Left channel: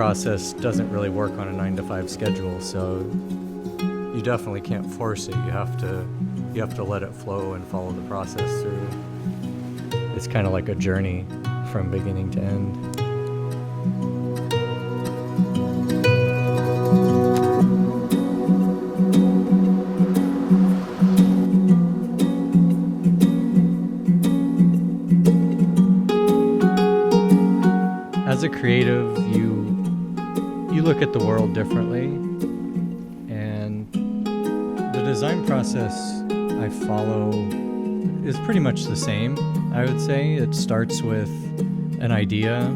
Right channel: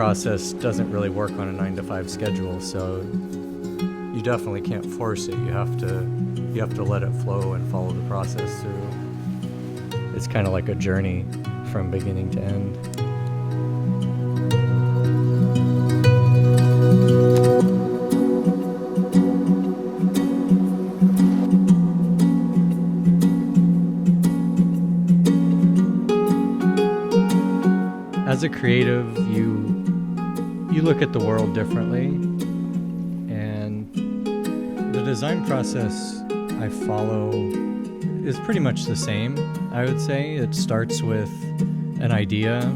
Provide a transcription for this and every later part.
process doesn't really work on a 9-to-5 schedule, so you definitely can't force it. You have to let it flow and follow the process through. It's kind of like a journey from beginning to end. As a creative, you look at the world differently, and the design process I follow is pretty much the same, I would say. It starts with an idea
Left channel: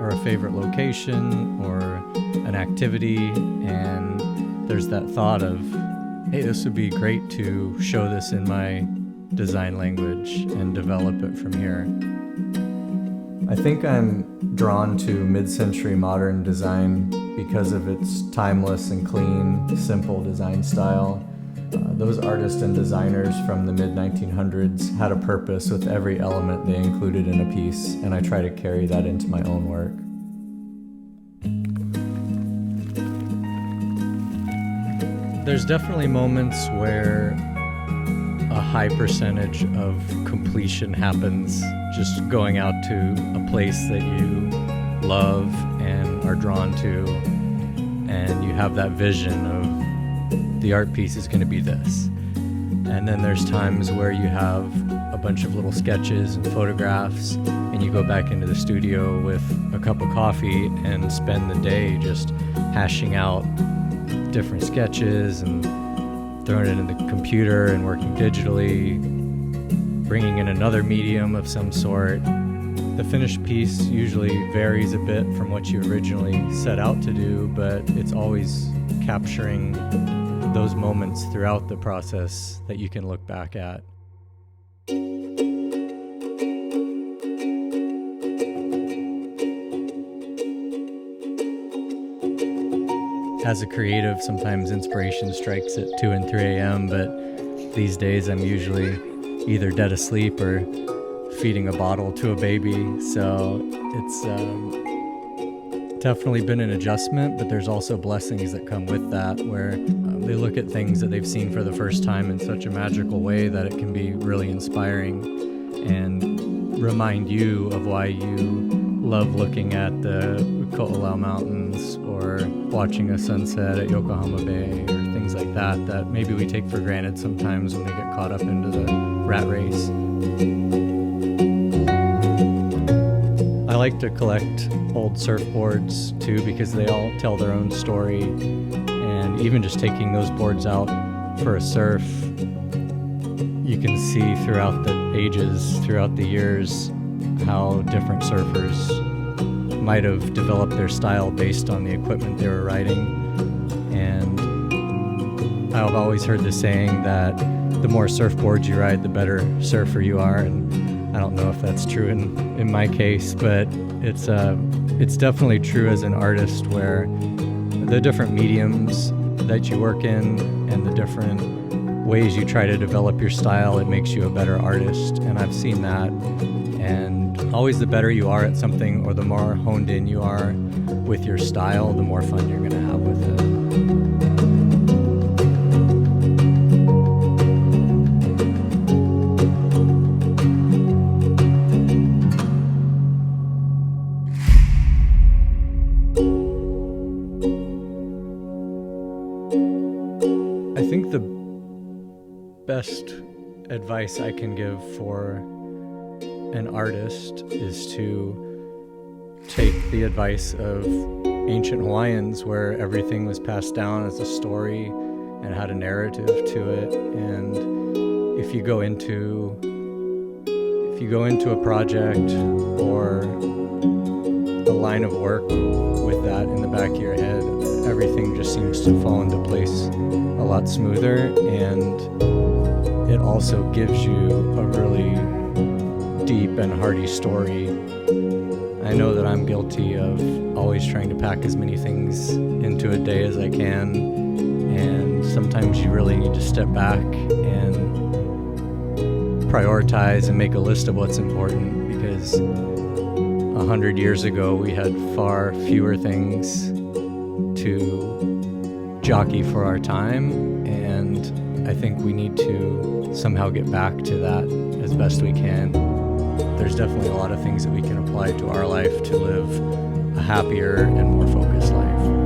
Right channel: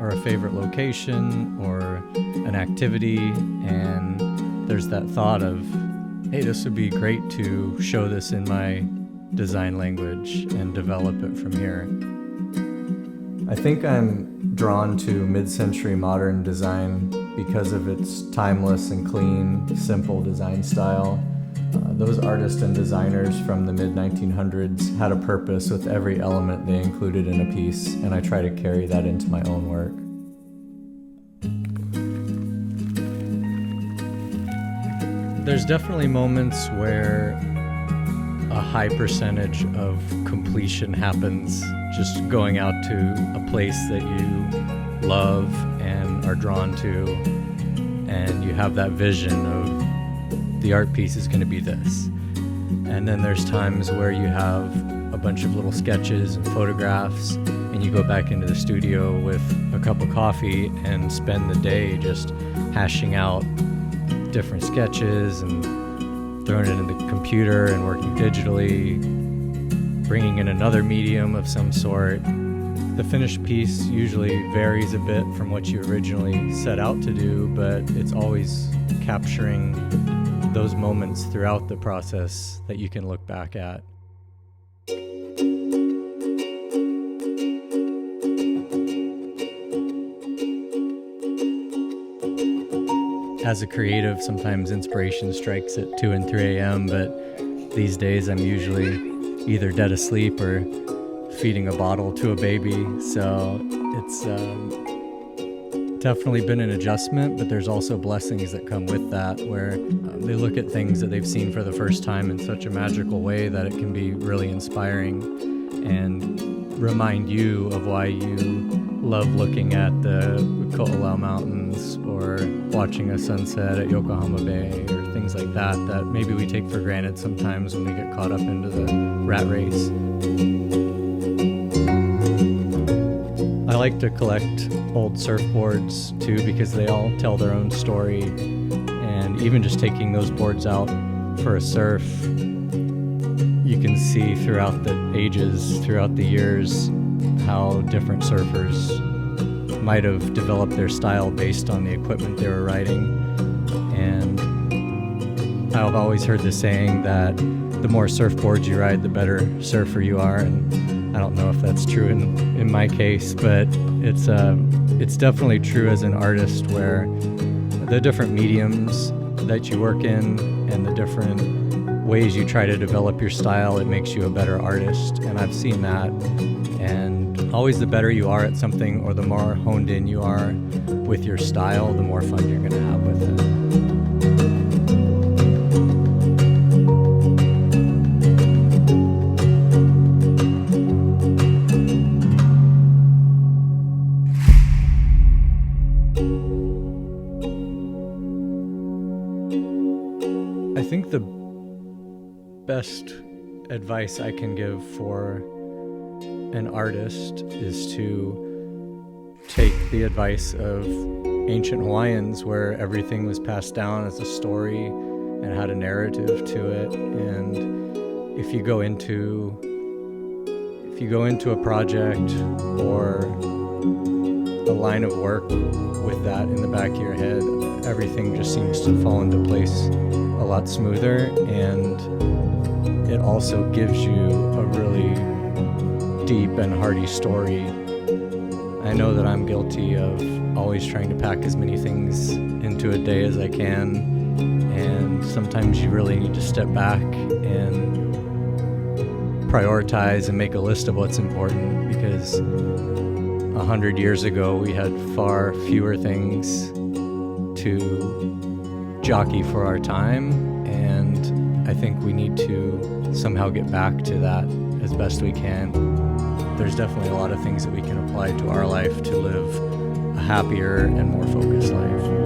or a favorite location or an activity, and there's that thought of, hey, this would be great to show this in my design language and develop it from here. I think I'm drawn to mid-century modern design because of its timeless and clean, simple design style. Those artists and designers from the mid-1900s had a purpose with every element they included in a piece, and I try to carry that into my own work. There's definitely moments where a high percentage of completion happens just going out to a place that you love and are drawn to, and you have that vision of the art piece is going to be this. And then there's times where you have a bunch of little sketches and photographs, and you go back into the studio with a cup of coffee and spend the day just hashing out different sketches and throwing it in the computer and working digitally, bringing in another medium of some sort. The finished piece usually varies a bit from what you originally set out to do, but it's always capturing those moments throughout the process that you can look back at. As a creative, sometimes inspiration strikes at 2 and 3 a.m., but these days I'm usually either dead asleep or feeding a bottle to a baby. So it's definitely been an adjustment, but there's also blessings that come with that, where they look at things that they've seen for the first time in such a magical way that it can be really inspiring and remind you of why you love looking at the Ko'olau Mountains or watching a sunset at Yokohama Bay or things like that maybe we take for granted sometimes when we get caught up into the rat race. I like to collect old surfboards too, because they all tell their own story, and even just taking those boards out for a surf, you can see throughout the ages, throughout the years, how different surfers might have developed their style based on the equipment they were riding. And I've always heard the saying that the more surfboards you ride, the better surfer you are, and I don't know if that's true in my case, but it's definitely true as an artist, where the different mediums that you work in and the different ways you try to develop your style, it makes you a better artist. And I've seen that. And always the better you are at something, or the more honed in you are with your style, the more fun you're going to have with it. I think the best advice I can give for an artist is to take the advice of ancient Hawaiians, where everything was passed down as a story and had a narrative to it. And if you go into a project or a line of work with that in the back of your head, everything just seems to fall into place a lot smoother, and it also gives you a really deep and hearty story. I know that I'm guilty of always trying to pack as many things into a day as I can, and sometimes you really need to step back and prioritize and make a list of what's important, because 100 years ago, we had far fewer things to jockey for our time, and I think we need to somehow get back to that as best we can. There's definitely a lot of things that we can apply to our life to live a happier and more focused life.